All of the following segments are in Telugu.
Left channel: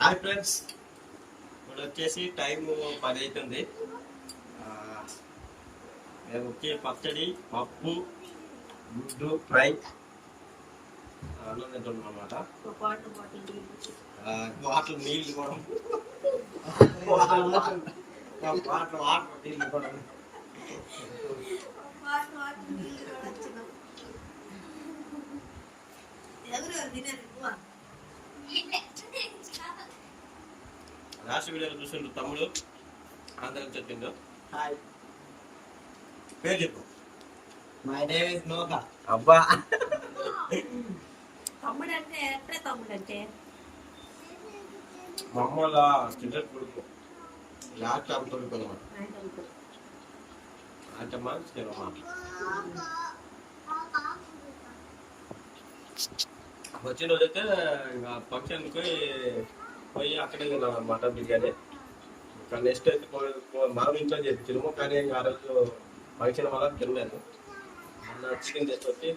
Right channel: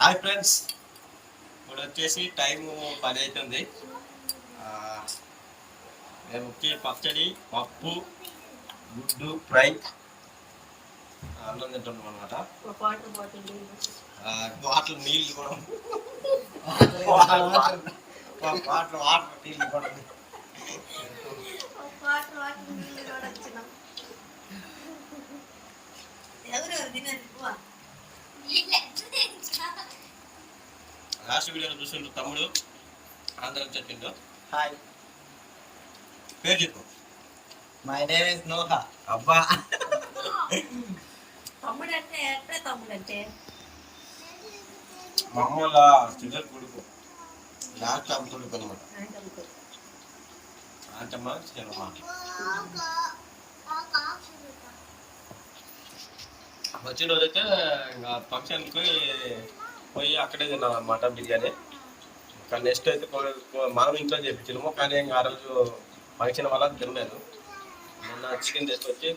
హాయ్ ఫ్రెండ్స్, ఇప్పుడు వచ్చేసి టైం 10 అవుతుంది. మేము వచ్చి పచ్చడి, పప్పు, గుడ్డు ఫ్రై అన్నం తింటున్నాం అనమాట. వాటర్ నీళ్ళు కూడా వాటర్ నీళ్ళు కూడా లాస్ట్ వీడియోలో చూస్తుండ్రు తమ్ముడు ఆంధ్రం చెప్పిండు. హాయ్, పేరు చెప్పు. My name is Noah. అబ్బా, తమ్ముడంటే ఎట్లా తమ్ముడంటే మా అమ్మ వాళ్ళ చిల్లర కొడుకు, లాస్ట్ ఆమె కొడుకు అనమాట. అంటమ్మా చిన్నమ్మ వచ్చిన రోజైతే ఇంకా ఫంక్షన్కి పోయి అక్కడే తిన్నాం అనమాట బిర్యానీ. ఇంకా నెక్స్ట్ అయితే మనం ఇంట్లో చేయించినాము, కానీ ఇంకా ఆ రోజు ఫంక్షన్ వల్ల తినలేదు. మొన్న చికెన్ తీసుకొచ్చి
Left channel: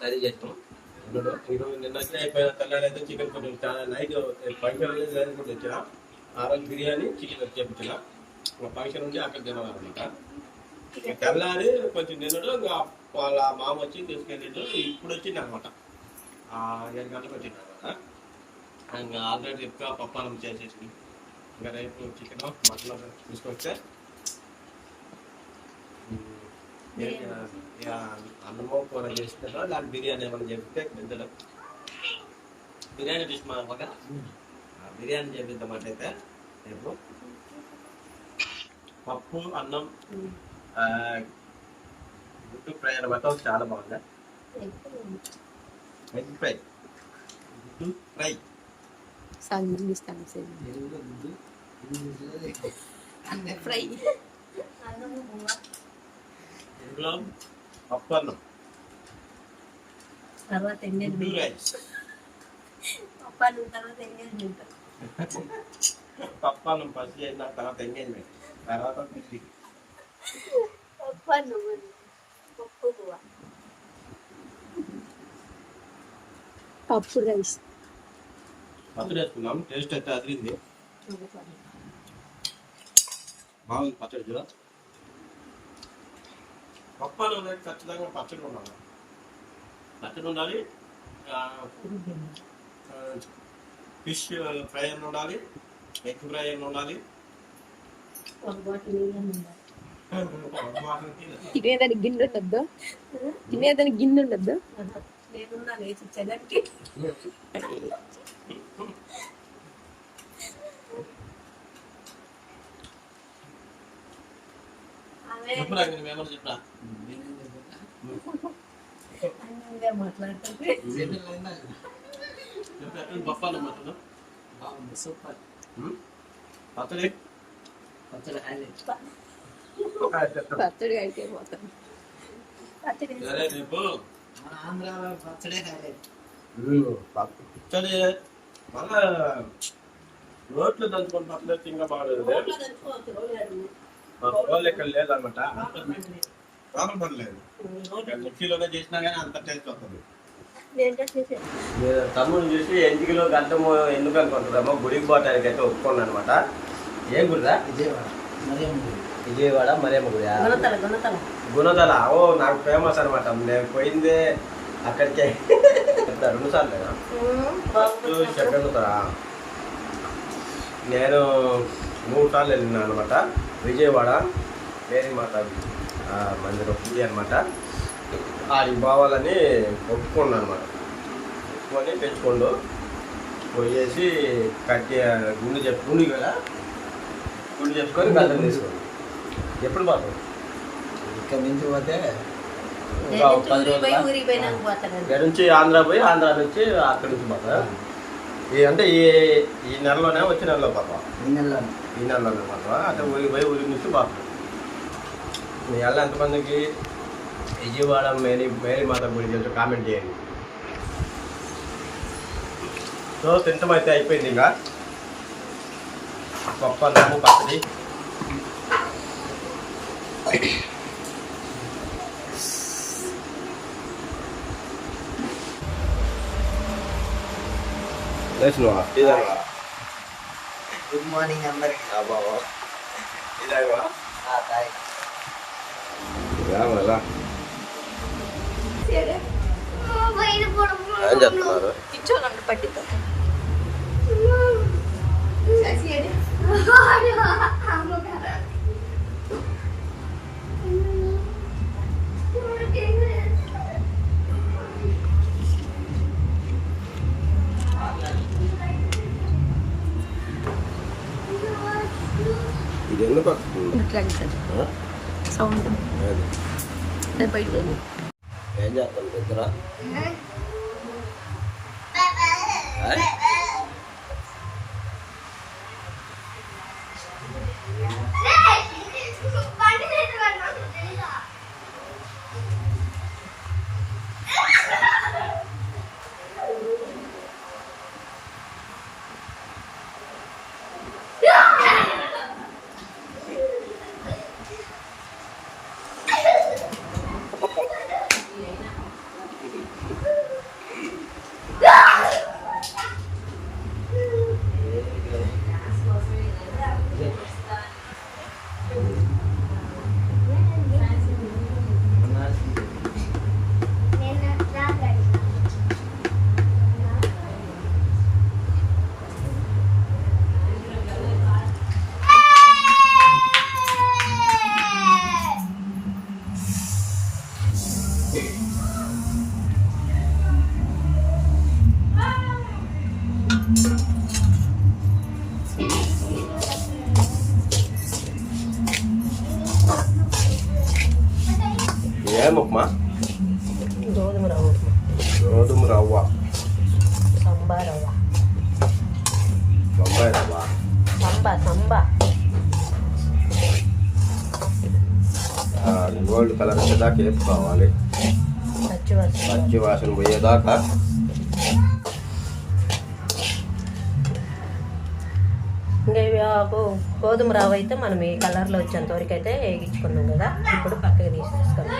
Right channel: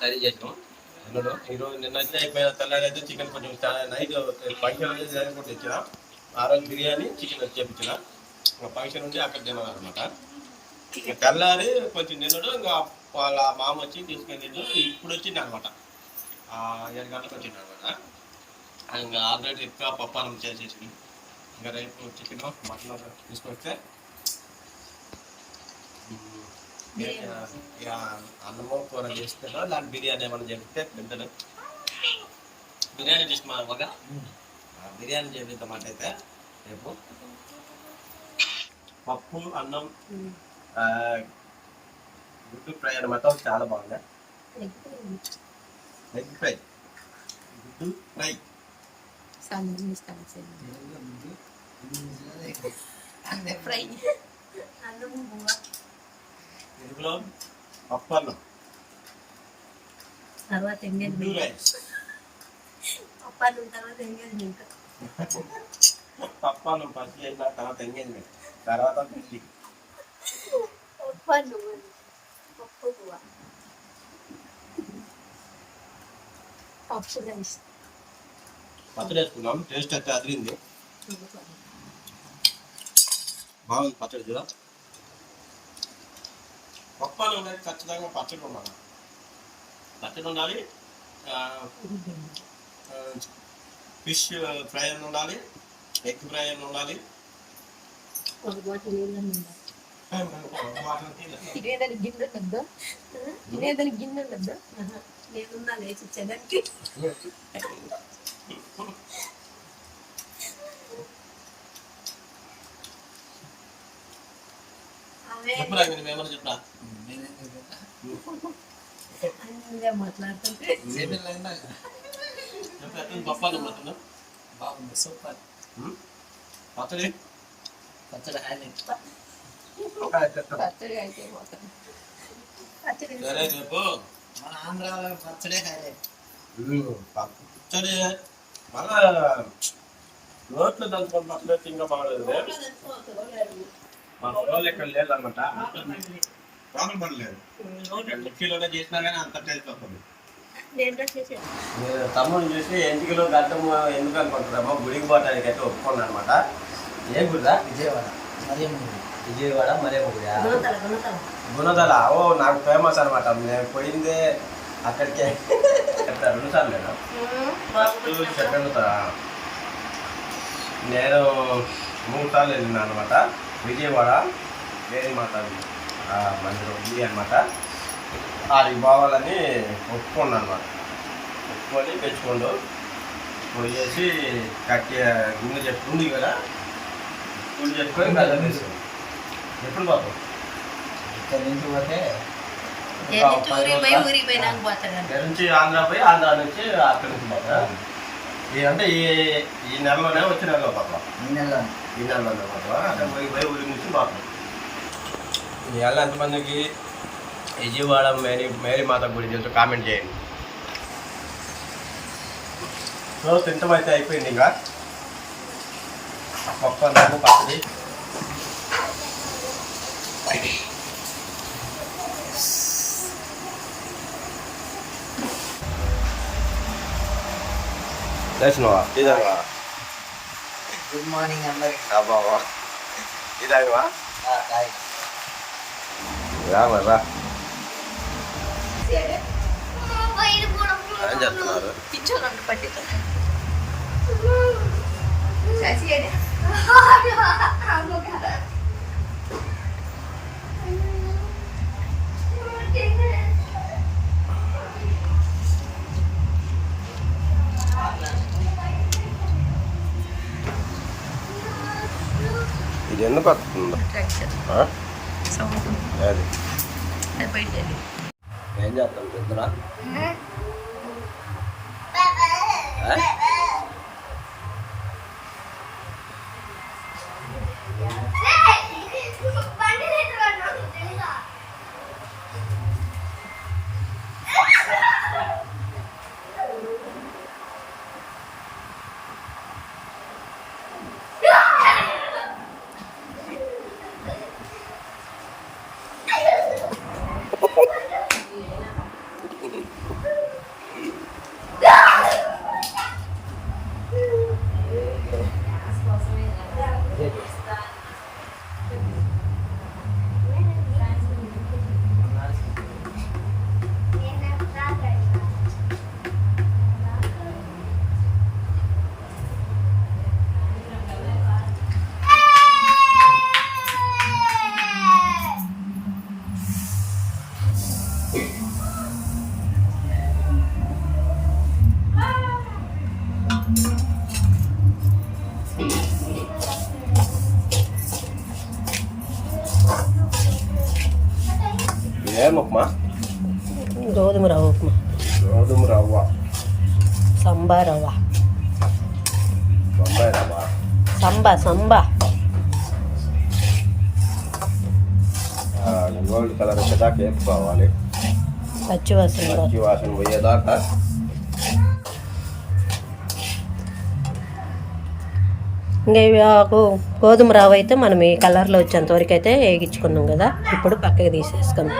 కర్రీ చేసినాం తినడు. ఈరోజు నిన్న అయితే అయిపోయిన తెల్లారి అయితే చికెన్ కొంచెం నైట్ ఫంక్షన్ రోజు కూడా తెచ్చిన. ఆ రోజు బిర్యానీ చికెన్ చేయించిన. ఇంకా ఫంక్షన్ ఉండి అక్కడ తిన్నాను అనమాట. ఇంకా తెల్లారి కొంచెం తినడు. ఇంకా వాళ్ళ మామ వచ్చి తీసుకెళ్ళిండు. ఇప్పుడు వచ్చింది అనమాట, 7 గంటలకు వచ్చింది అనమాట. ఇంకా ఆల్రెడీ ఎక్కువ పప్పానం చేసేసి ఇంకా రేపు చికెన్ మటన్ తీసుకొస్తే అన్నమో కూర చేస్తుందో లేకపోతే బిర్యానీ ఏమైనా చెప్తే తింటాడు. బిర్యానీ చేసి మా మగ బిర్యానీ చేపిద్దామంట. అయితే రేపు పప్పు, అన్నం, గుడ్డు ఫ్రై అనమాట. చాలా బాగుంది. ఎగ్ ఫ్రై, గుడ్డు ఫ్రై. ఫ్రై తెలుగులో పప్పు అన్నం, తర్వాత గుడ్డు రైస్. పప్పు అన్నం ఫస్ట్ చేసిన తర్వాత ఎంగేజ్మెంట్, తర్వాత పెళ్లి. పప్పు రైస్ పచ్చడి వేసుకున్నాం. టేస్ట్ అయితే అదిరింది, బాగుంది పచ్చడి చూడ. పప్పు అన్నం అయితే ఖచ్చితంగా పచ్చడి ఉండాలి. పచ్చడి ఉండాలి, ఫిష్ ఫ్రై అని ఉండాలి, ఎగ్ ఫ్రై అని ఉండాలి. తినేదానికి గిన్నె ఉండద్దు, తినేదానికి గిన్నె ఉండద్దు. లేకుండా లేచి చెదరికి చెప్పురా, మేమన్నా చెప్పరా మాట్లాడుతుంటే పప్పు అన్నం మటన్ బాగుంది, సూపర్. పచ్చడి పచ్చడి హైలైట్. పచ్చడి అయితే పోతాం. పచ్చడి సరే రేపు మన ఆంధ్ర పచ్చడే హైలైట్. పచ్చడి మళ్ళా రోట్లు దంచుకొని పచ్చడి ఇంకా బాగుంటుంది. మా పొలాలు ఎక్కడ లేదన్నమాట, రామం పడలేదు. మిక్సీలోనే చేసినా కానీ అంత టేస్ట్ వస్తుంది. తమ్ముడు చూసి ఎంటికలో గడ్డము ఎందుకు అనుకుంటున్నామో గుడికి పోవటానికి అయితే ఒప్పుకున్నాను అనమాట. ఏం గుడిదా? విజయవాడ మరియమ్మ గుడి. విజయవాడ మరియమ్మ గుడి, గుణదల. ఓ, నాకు ఫేమస్ అనమాట. నేను పోయిందే అక్కడికే 2 సార్లేనా, ఫస్ట్ సెకండ్. నేను 3 సార్లు వెళ్ళినా అనమాట. విజయవాడ మేరీ మాత మందిరం ఉంది అనమాట. అది పోవాలని ఒప్పుకున్నాను అనమాట. ఒప్పుకొని పెంచుకోండు పోయేసి కట్టి గుండె చెప్పుకుంది కదా, గుండె చెప్పుకొని బెల్లం వేసుకోండి. ఎప్పుడు పోతాం? ఇక్కడ నుంచి పోతే ఇక్కడ నుంచి ఆంధ్ర పోయి, ఆంధ్ర నుంచి అక్కడి నుంచి పోతా. అంటే ఈ నెలలోనే వచ్చే నెలలో పోతాం. ఈ నెలలోనే పోతాం. అంటే ఊరికి పోయి ఊరి నుంచి పోతాం. మీ నెల ఎంతమందికి విజయవాడ మేరీ మాత గుడి తెలుసు కామెంట్ చేయండి. సో తింటమైతే అయిపోయింది. ఇంకా పప్పు అన్నము పచ్చడి. లేచినవా? టీ తాగవా? గుడ్ మార్నింగ్ అందరికి. బాబా ఇది ఆయనవా తాయ్. రా మరి రా. ఏం చేస్తున్నారు? ఇది ఎందుకు వస్తుందో అది ఏం చేస్తాం ఇద్దరా? ఏం ఉప్మా? గోధుమ రవ్వ ఉప్మా, గోధుమ రవ్వ, సంబా రవ్వ, బొంబాయి రవ్వ, సంబా గోల్డ్ కలర్ వచ్చేదాకా వేసుకోవాలి. పచ్చి వాసన పోయేదాకా. ఇంకా ఇవి గోధుమ రవ్వ అయితే మనం ఈ కలర్లో వచ్చేంత వరకు అయితే వేగించుకున్నాం కదా, ఇప్పుడు పక్కకి తీసేసుకుందాం.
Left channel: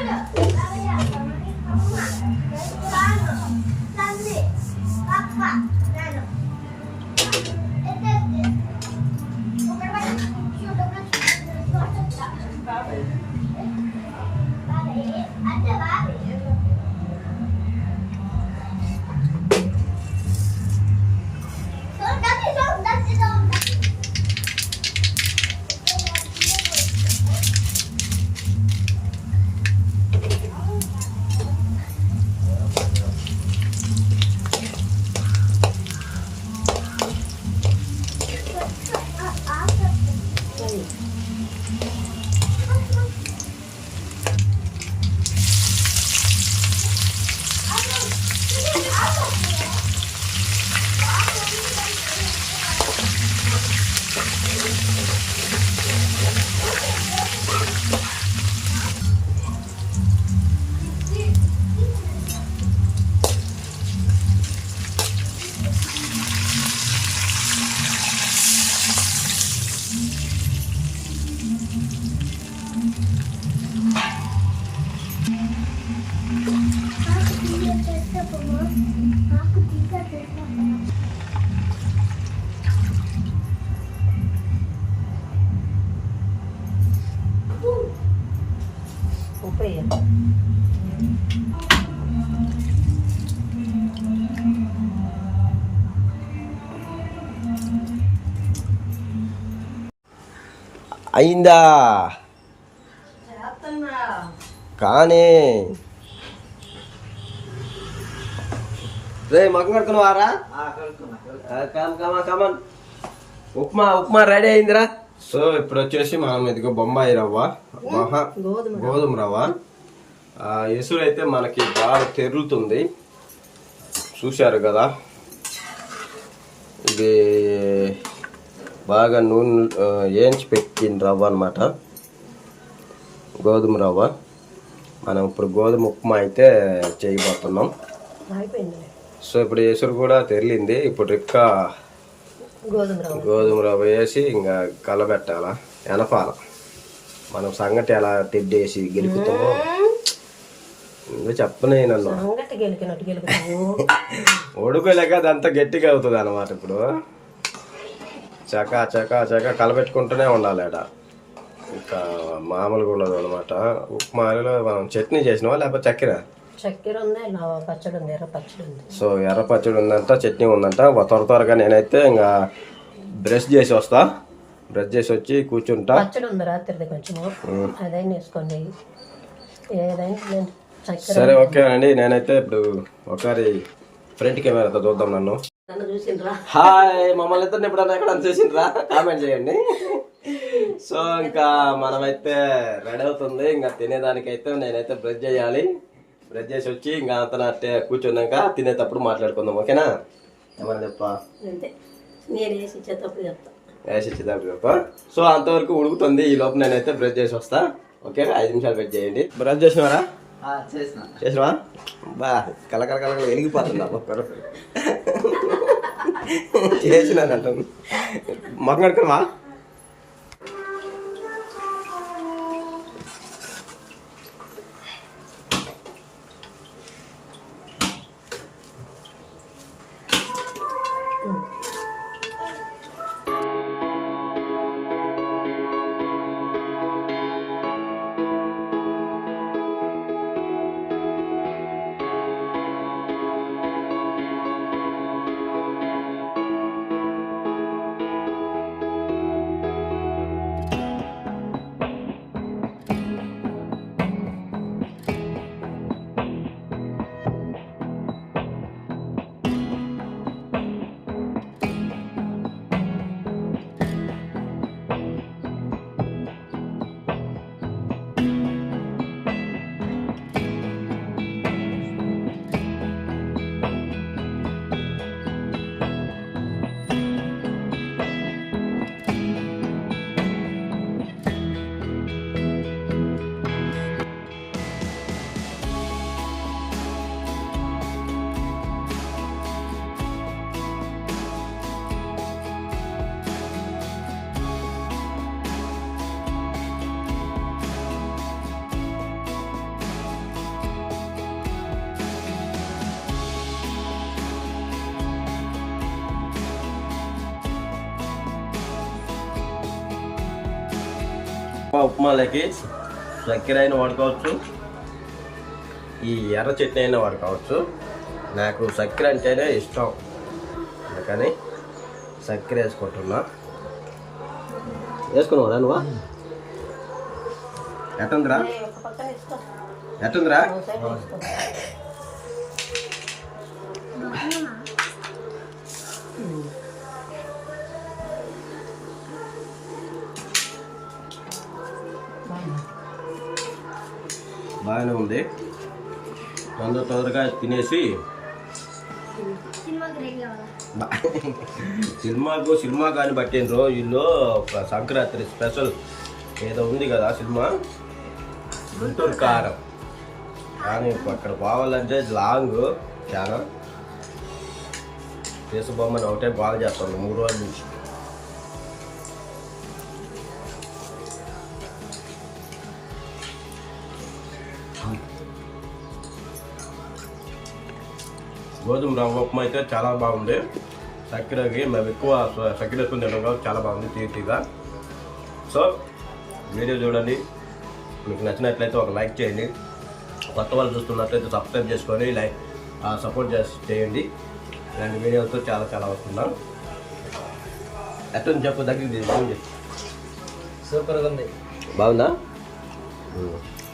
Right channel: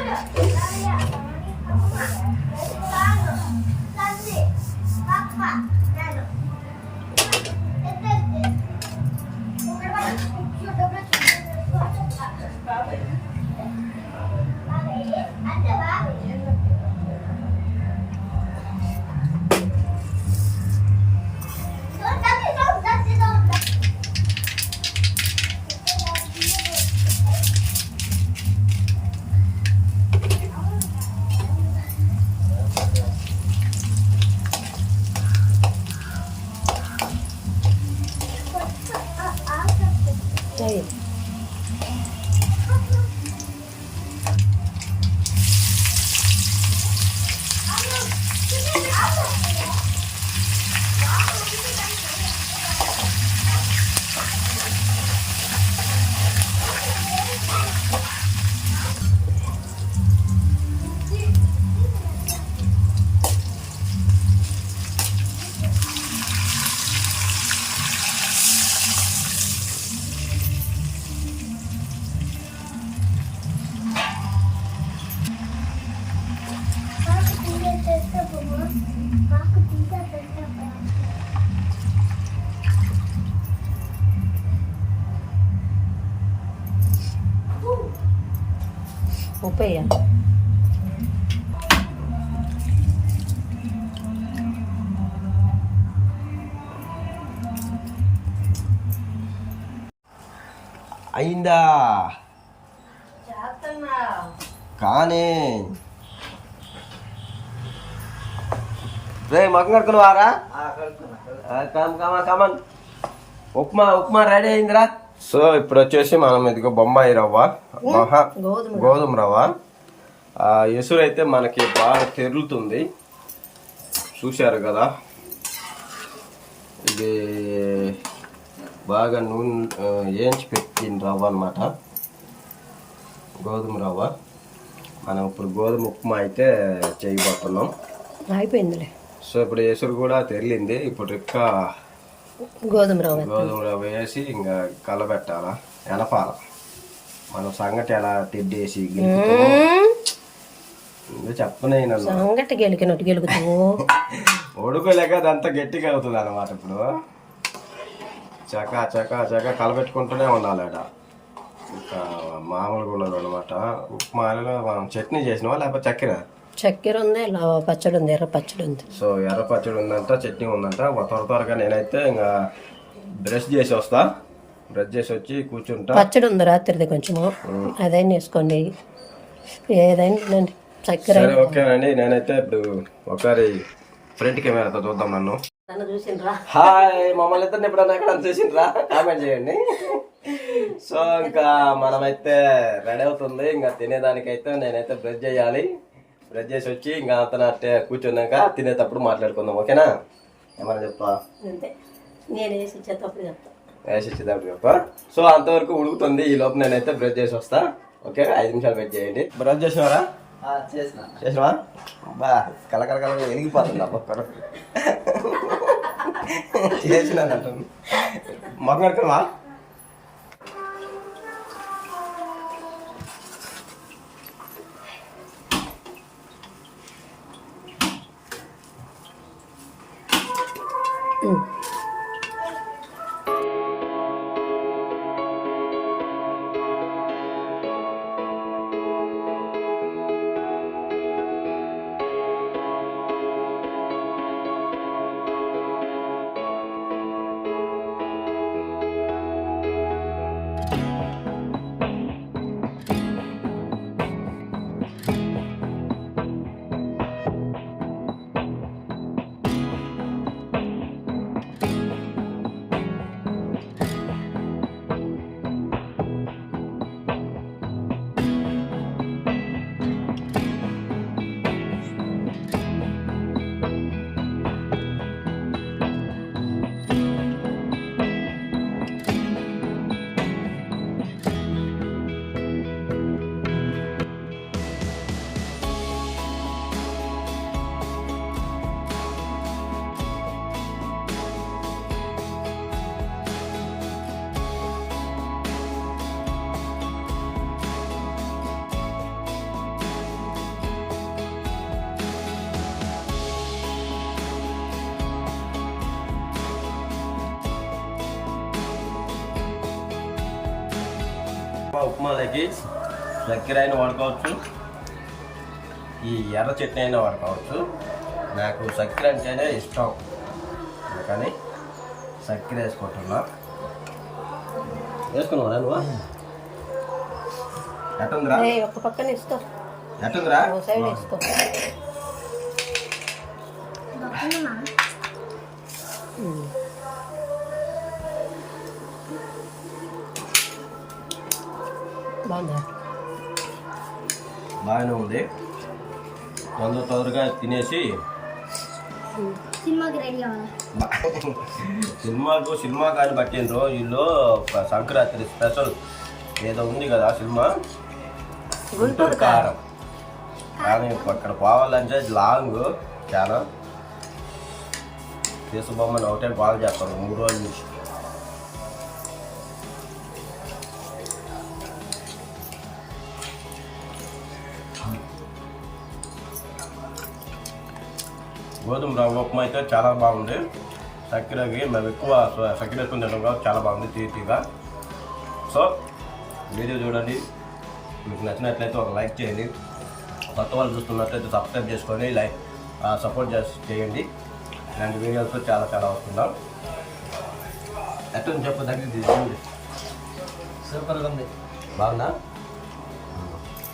అయిందా కానీ రే మగం కడుకున్నావారా? కమన్ ఉప్మా రెడీ అయిందిరా. సో ఇప్పుడు వచ్చేసి మనం ఇదిగో బొంబాయి రవ్వ, గోధుమ రవ్వ. ఎసురు అయితే మనకి బాగా తెరులుతుంది, చూశారు కదా. ఇది బాగా నూనె వేయించి పెట్టిన రవ్వ అనమాట, గోధుమ రవ్వ. మనం ఇప్పుడు గోధుమ ఉప్మా అయితే చేయబోతున్నాం. అయిపోయిందిలే. సో ఇప్పుడు ఎసురు కూడా తెరిలింది. ఇప్పుడు రిక్క గోధుమ రవ్వ వేసి ఇంకా కలబెట్టాల, ఎనపాల. మనం సంగటి ఎలా తెడ్డేసి గెలుపుతామో చెప్పనే నన్ను. సంగటి గెలికినట్టు గెలుపుతాము. ఉడుకోలేక అదంతా గట్టిగా అవుతుంది అన్నమాట. ఇప్పుడు చక కలపెట్టుకుంటూనే ఉండాలి అట. ఇంకా మామూలుగా ఉండదు అనమాట. ఉప్మాలో మనం చట్నీ చేసినావా లేకపోతే చక్కెర ఉంది, ఇలా పచ్చడి ఉంది, ఎర్ర పచ్చడి ఉంది. సో ఎర్ర పచ్చడి ఉందంట, చట్నీ ఉందంట. త్వరగా నేనైతే ఇంకా బ్రష్ చేసి వస్తా. బ్రష్ చేసి వచ్చి కూర్చుంటా. పచ్చడి ఉంది రాత్రిది కొంచెము, అదైనా వేసుకోండి. ఏదైనా చక్కెర. సరే ఓకే అండి. నేనైతే ఇప్పుడు ఒకసారి ఫ్రంట్ కెమెరాతో చూద్దాం నన్ను. నన్ను చూసిండ్రా? హాయ్, మమ్మల్ని ఇద్దరిని ఎప్పుడన్నా ఎక్కడ చూసిండ్రా? కామెంట్ చేయండి. సో ఇంకా మనమైతే రెడీ అవుతుంది. ఇంకా తినేదానికైతే నేనైతే బ్రష్ చేయాలి. బ్రష్ చేసి వచ్చి ఇంకా అంత కూర్చున్నాక తినేటప్పుడు మాట్లాడుకుందాం. ఓకేనా? ఏమన్నా చెప్తా? అంతే, నేను వేసి ఇచ్చేటప్పుడు చెప్తా. వేసి ఇచ్చేటప్పుడు చెప్పా. సో అంతవరకు ఉడుకుతుంది. ఈ లోపు నేనైతే బ్రష్ చేసి వస్తా. ఓకే, 5 నిమిషాలు వెయిట్ చేయండి. బ్రష్ చేసినారా? చేసినావా? బా కలకల వెలిగిపోతుంది. ఒక్కరు చేసినాదంట. మొక్క కడుకున్నావా? ఉప్మాలకి చక్కెర అయినా వాడుకోవచ్చు, ఈ ఎర్ర చట్నీ అయినా వాడుకోవచ్చు. నాకు చక్కెర అంటేనే ఇష్టం, అందుకని చక్కెర వేసుకుంటున్నా. వేసుకున్నావా నువ్వు? ఎట్టుందిరా? ఎట్టుందిరా? బాగానే ఉంది. తొందరగా తినేసి సినిమా కానీ పట్టిండ్రు వీళ్ళు. సంక్రాంతి స్పెషల్ ఏదో ఉంది కదా సినిమా, గుంటూరు కారం. కానీ అక్కడ పోవాలంటే లాంగ్ చాలా. తీసుబొమ్మని ఒకటే బాగా చేస్తాను 3 రోజుల నుంచి. గోధుమ రవ్వ ఉప్మా అయితే చాలా బాగుంది. చక్కెరకి మేము ఎక్కువ చక్కెర వేసుకుని తింటాం కాబట్టి చాలా బాగుంది తీగా. సో వీడియో చూడండి, మీకు నచ్చినట్లయితే ఒక లైక్ చేయండి. కొత్త వాళ్ళు చూస్తున్నట్లయితే సబ్స్క్రైబ్ చేసుకొని సపోర్ట్ చేయండి. ఇలాంటి వీడియోలతో చాలా వస్తున్నాం. ఎట్లా చెప్పు దగ్గర సూపర్గా ఉంది. బాగుందా?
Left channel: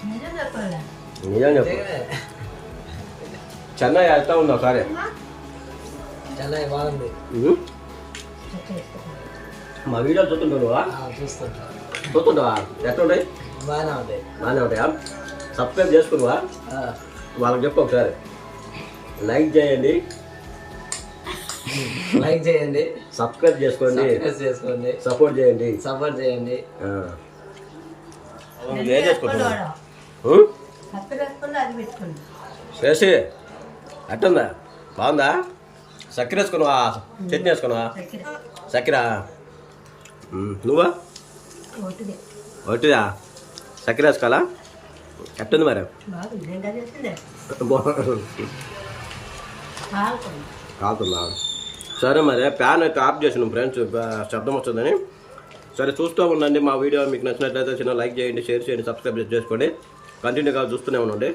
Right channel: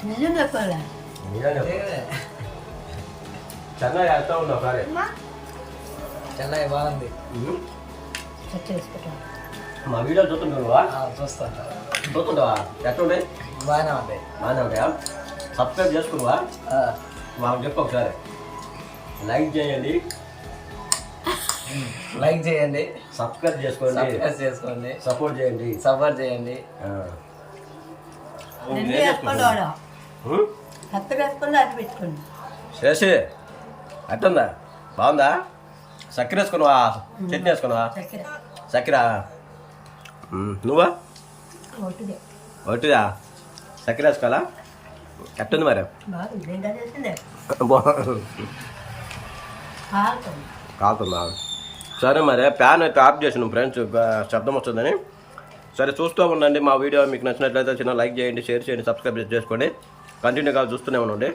నిజం చెప్పాలి. నిజం చెప్పు. చెన్నై ఎట్లా ఉందో సరే. చెన్నై బాగుంది. మా వీడియోలు చూస్తుంటావా? చూస్తుంటావా? ఎట్లా ఉంటాయి? బాగానే ఉంటాయా? సబ్స్క్రైబ్ చేసుకున్నావా? వాళ్ళకి చెప్పు ఒకసారి. లైక్ చేయండి, సబ్స్క్రైబ్ చేసుకోండి, సపోర్ట్ చేయండి. చేసి అట్టుందా? బాగుందా? చక్కెర వేసుకున్నావా? చట్నీ వేసుకున్నావా? చక్కెర నువ్వా? ఒకటిదా? చక్కెర వేసుకోవాలా? ఎట్టుంది మరి? కాలుతుందా? సరే మరి ప్యాన్ అయితే ఆఫ్ చేసినాం ఫ్రెండ్స్, శబ్దం వస్తుందని. సరే చూస్తూ ఉండండి మా వీడియో. మీకు నచ్చినట్లయితే చిన్న లైక్ చేయండి, షేర్ చేయండి, సబ్స్క్రైబ్ చేసుకోండి. కంటిన్యూగా చూస్తూనే ఉండండి.